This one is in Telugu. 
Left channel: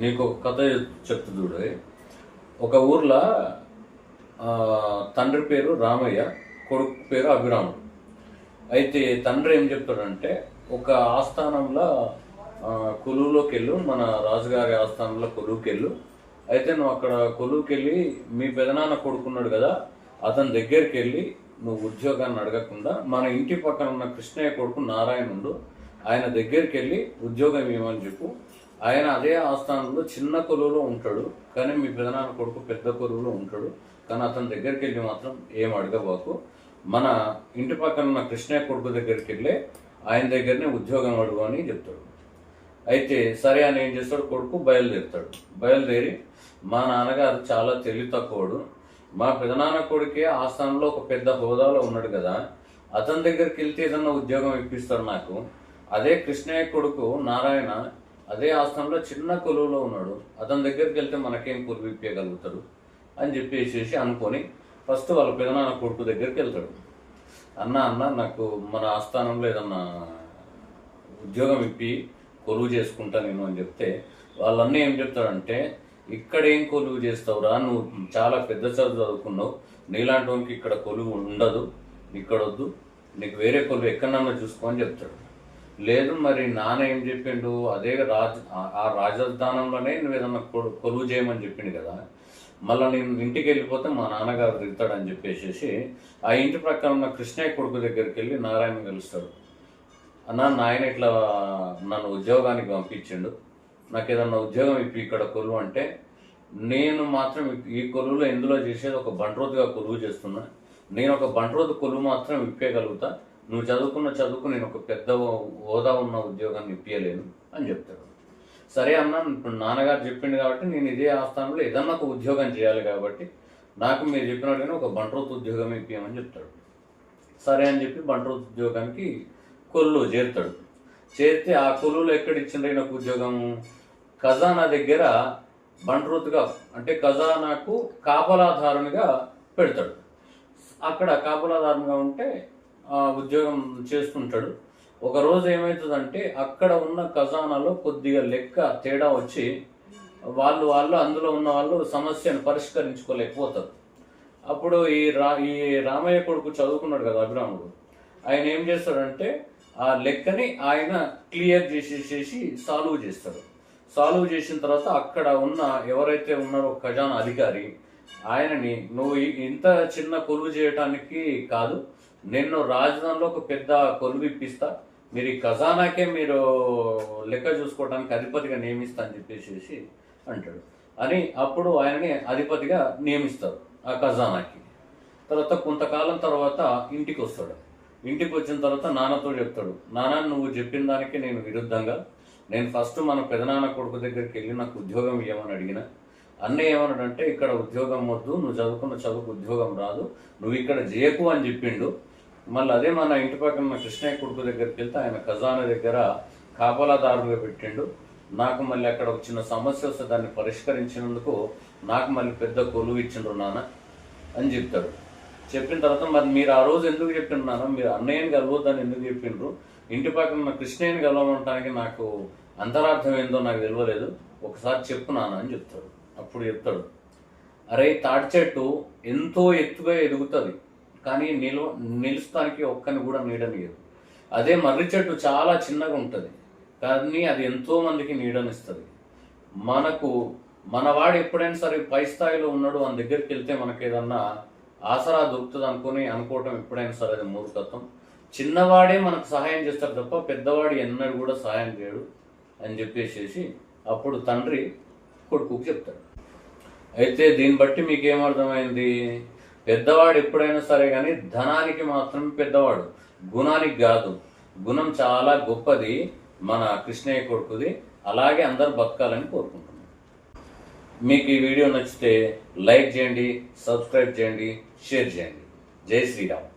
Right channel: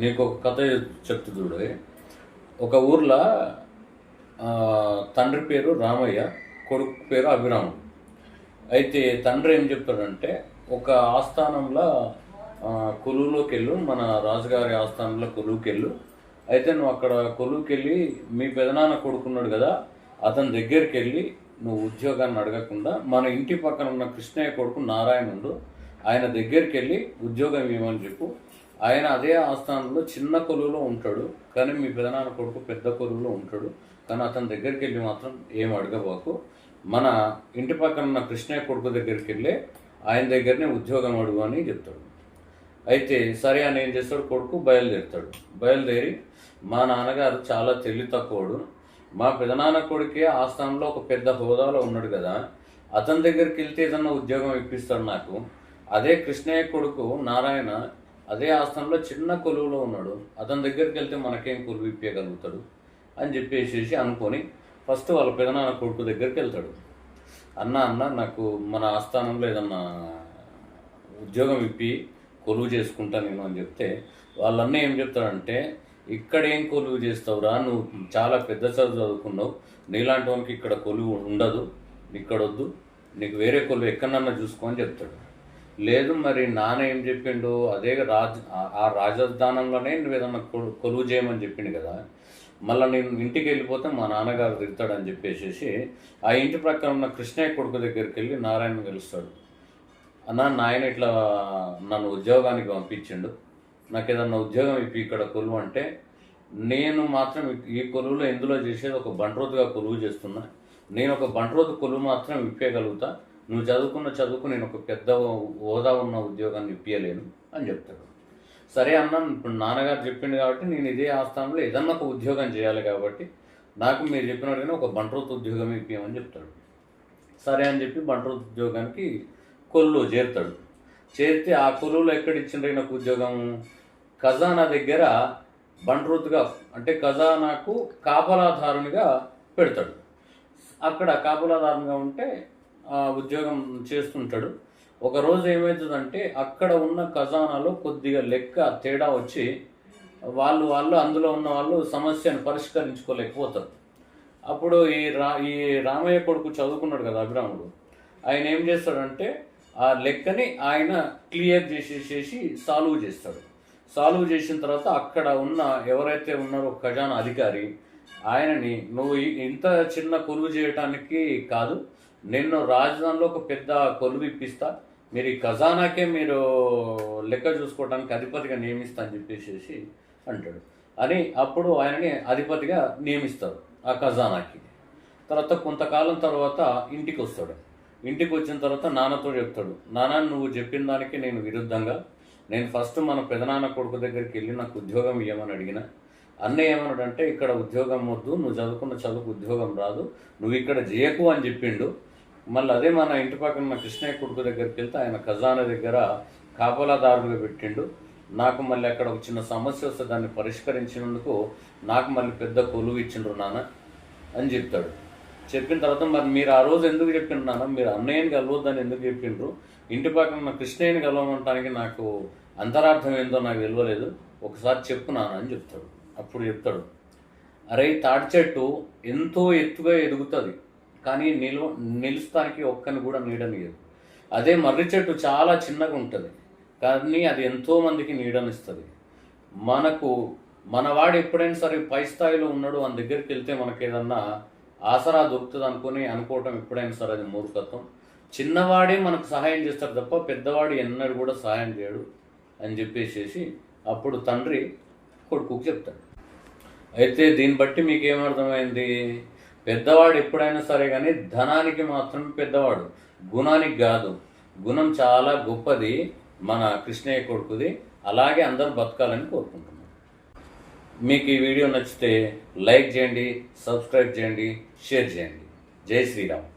నీకు ఒక కథ చెప్తు చూడు. ఒక ఊర్లో తండ్రి పేరు రామయ్య, కొడుకు పేరు అభిరాముడు. అయితే తండ్రి ఏం చెప్తాడంటే, ఒక ఆస్థానంలో కొలువులోకి వెళ్ళు, మన రాజుగారి ఆస్థానంలో కొలువుకి వెళ్ళు. అయితే నువ్వు అక్కడ కొలువుకి వెళ్ళి మీ పెదనాన్న కొడుకున్నాడు కదా, అతని దగ్గరికి వెళ్ళి నువ్వు ఉద్యోగాన్ని అడగకుండా మన ఇంటి పక్కన ఉన్న కృష్ణయ్య కొడుకు నారాయణుడు, ఆయన దగ్గరికి వెళ్ళి ఉద్యోగం ఇవ్వమని చెప్పు. ఆయన అదే ఆస్థానంలో చిన్న కొలువులో ఉంటాడు, కానీ మీ పెదనాన్న కొడుకు పెద్ద కొలువులో ఉంటాడు. కానీ అతని దగ్గరికి వెళ్ళి మాత్రం ఏం అడగబాకు, మన ఇంటి పక్కన ఉన్న కృష్ణయ్య కొడుకు దగ్గరికి వెళ్ళి ఆయన దగ్గరనే ఉద్యోగం అడుగు అని చెప్తాడు. అయితే సరే అని ఏం చేస్తాడు, కొడుకు బయలుదేరి మా నాన్నగారు చాలా తెలివి తక్కువడు, మా పెదనాన్న కొడుకే ఆస్థానంలో ఒక పెద్ద హోదాలో ఉన్నాడు కదా, అతని దగ్గరికి వెళ్తే ఏదన్నా ఉద్యోగం ఇప్పిస్తాడు నాకు. అదే కృష్ణయ్య కొడుకు నారాయణ అదే ఆస్థానంలో చిన్న కొలువులో ఉన్నాడు, అతని దగ్గరికి వెళ్తే మనకేం కొలువు ఇప్పగలుగుతాడు అని చెప్పేసి అనుకొని ఫస్ట్ వాళ్ళ పెదనాన్న కొడుకు దగ్గరికి వెళ్తాడు. అన్న నాకు మన ఆస్థానంలో ఏదన్నా ఉద్యోగం ఇప్పి కొలువు చేసుకుంటా నేను అని చెప్తే, వాళ్ళన్నీ ఏం చెప్తాడంటే, ఇక్కడ ఏం కొలువు చేస్తావురా, నువ్వు చాలా పెద్ద చదువు చదువుకున్నావు, నీలాంటి వానికి ఇక్కడ కొలువు ఉండదు, ఇక్కడ వద్దు, నీకు వేరే కొలువు ఎక్కడన్నా చూసుకో అని చెప్తాడు. లేదు మరి నాన్న ఏం చెప్పిండు, అదే ఆ రాజధానంలోనే నువ్వు ఏదన్నా కొలువు చేయమని చెప్పిండు కదా, మళ్ళీ నేను ఇంటికి వెళ్ళిపోతే మా నాన్నగారు తిడతాడని చెప్పేసి ఆ ఇంటి ప్రక్కన ఉన్న కృష్ణయ్య కొడుకు దగ్గరికి వెళ్ళి నారాయణ కలుస్తాడు. నాయన ఇట్లా నన్ను ఉద్యోగానికి పంపించిండు, నాకు ఏదన్నా ఉద్యోగం ఇప్పి ఇక్కడ కొలువు అంటే, నేను మాత్రం ఈ కొలువులో ఎందులో చేసేది ఒక బంట్రోతుగా కొలువు చేస్తున్నా, నేను ఒక బంట్రోతు కొలువు మాత్రం ఇప్పగలుగుతా, నువ్వు చదువుకు నేను ఒక పెద్ద హోదా ఉన్న ఉద్యోగాన్ని ఇప్పించలేను అని చెప్తాడు. సరే అన్న, ఇప్పుడు నాన్నగారు చెప్పిండు కాబట్టి నేను ఇదే ఆస్థానంలో ఏదన్నా ఒక ఉద్యోగం చేయాలి కాబట్టి నాకు మీరు చెప్పినట్టుగానే ఒక బంట్రోతు ఉద్యోగం ఇప్పించమని చెప్తాడు. సరే అని చెప్పి బంట్రోతు ఉద్యోగానికి కొలువులో చేరితే ఆ కొలువులో ఎక్కడ ఇచ్చిండ్రు నాకు ఉద్యోగం, ఖజానా దగ్గర బంట్రోతుగా, అంటే ఖజానాకు కాపలాదారునిగా పెడతాడు. అక్కడ కాపలాదారునిగా ఉంటే ఉద్యోగం చేస్తుంటాడు. ఒకరోజు ఏమవుతుందంటే, అక్కడ ఉన్న ఖజానాలో కొద్దిగా లెక్క తేడా వచ్చి వాళ్ళు అందులో ఉన్న వాళ్ళు సమస్యను పరిష్కరించుకోలేకపోతారు. అప్పుడు ఈ రామయ్య కొడుకు చదువుకున్నాడు కదా అభిరాముడు, ఆయన ఏం చేస్తాడంటే ఆ లెక్కని ఆయన క్లియర్ చేసేసి సాల్వ్ చేస్తాడు. సాల్వ్ చేసిన తర్వాత అక్కడ ఉన్న ఎవరైతే ఉన్నారో ఖజానా అధికారి ఆయనని, నువ్వు ఇంత చిన్న కొలువు చేయటానికి కాదు, నేను రాజధానిలో ఒక పెద్ద కొలువు ఇప్పిస్తా, మీరు ఈ ఖజానాకే మీరు లెక్క చూసుకోవడానికి అధిపతిగా నియమిస్తా అని చెప్పేసి అంటాడు. అని అప్పుడు ఆయనని అధిపతిగా నియమిస్తారు ఆ ఖజానాకి. తర్వాత కొంతకాలం తర్వాత ఇంటికి వస్తాడు. ఇంటికి వచ్చిన తర్వాత నాన్నతో చెప్తాడు, నాన్న నువ్వు చెప్పిన దానికి నేను విరుద్ధంగా, నేను ఫస్ట్ మన పెదనాన్న కొడుకు దగ్గరికి వెళ్ళి నాకు ఉద్యోగం ఇవ్వమని అడిగిన, అన్నయ్య ఏమన్నాడంటే ఇక్కడ ఉద్యోగం వద్దు, నువ్వు చదువుకున్న చదువుకు ఉద్యోగం రాదు, నువ్వు ఇక్కడ చేయకు అని చెప్పిండు. మళ్ళీ అదే మన ఇంటి పక్కన ఉన్న కృష్ణయ్య కొడుకు దగ్గరికి వెళ్తే ఆయన ఖజానా దగ్గర కాపలాదారులుగా పెట్టిండు. నాకు మళ్ళీ అక్కడ ఒక చిన్న సమస్య వస్తే దాన్ని పరిష్కరించినందుకు నాకు మళ్ళీ పెద్ద కొలువు ఇచ్చిండ్రు నాన్న అని చెప్తాడు. చెప్పిన తర్వాత, మరి మీరు ఆ రోజు ఎందుకు చెప్పిండ్రు నాన్న, మీరు అన్నయ్యని కలవద్దని ఎందుకు చెప్పిండ్రు, ఇంటి పక్కన ఉన్న కృష్ణయ్యని కలవమంటానికి నాకు అంతరార్థం ఏందో నాకు తెలియలేదు, ఒకసారి చెప్పు నాన్న అని చెప్తాడు. అప్పుడు చెప్తాడు, అరే తాటి చెట్టు ఎంతో ఎత్తుగా ఎదుగుతుంది, కానీ నిలుస్తానికి ఒక్కని కూడా నీడనియదు. అదే మర్రి చెట్టు చాలా చిన్నగా ఉంటుంది, కానీ అది ఎంతో మందికి నీడనిస్తుంది. మనవాడు ఎప్పుడైనా సరే పై స్థాయిలో ఉన్నాడు, మన దగ్గరికి వెళ్తే మనకి ఏదన్నా ఆసరా దొరుకుతుంది అనుకోవటం ఎప్పుడైనా సరే అది మూర్ఖత్వం. చిన్నవాడే మనకు సహాయం చేస్తాడు తప్ప పెద్దవాడు ఎన్నడూ కూడా సహాయం చేయడు అని చెప్పేసి అప్పుడు తండ్రి కొడుకుకి చెప్తాడు. అయితే దీన్ని బట్టి మీకేమర్థమైంది, పెద్దవాడు ఎప్పుడైనా సరే కానీ ధనానికి మాత్రం పెద్దవాడు, గుణానికి కాదు. గుణం చాలా గొప్పది మన కృష్ణయ్య కొడుకుది, అలాగే అందరూ బతకాలని కోరుకుంటున్నాను. మీకు ఈ వీడియో నచ్చితే లైక్ చేయండి, సబ్స్క్రైబ్ చేయండి, షేర్ చేయండి. జై శ్రీరామ్.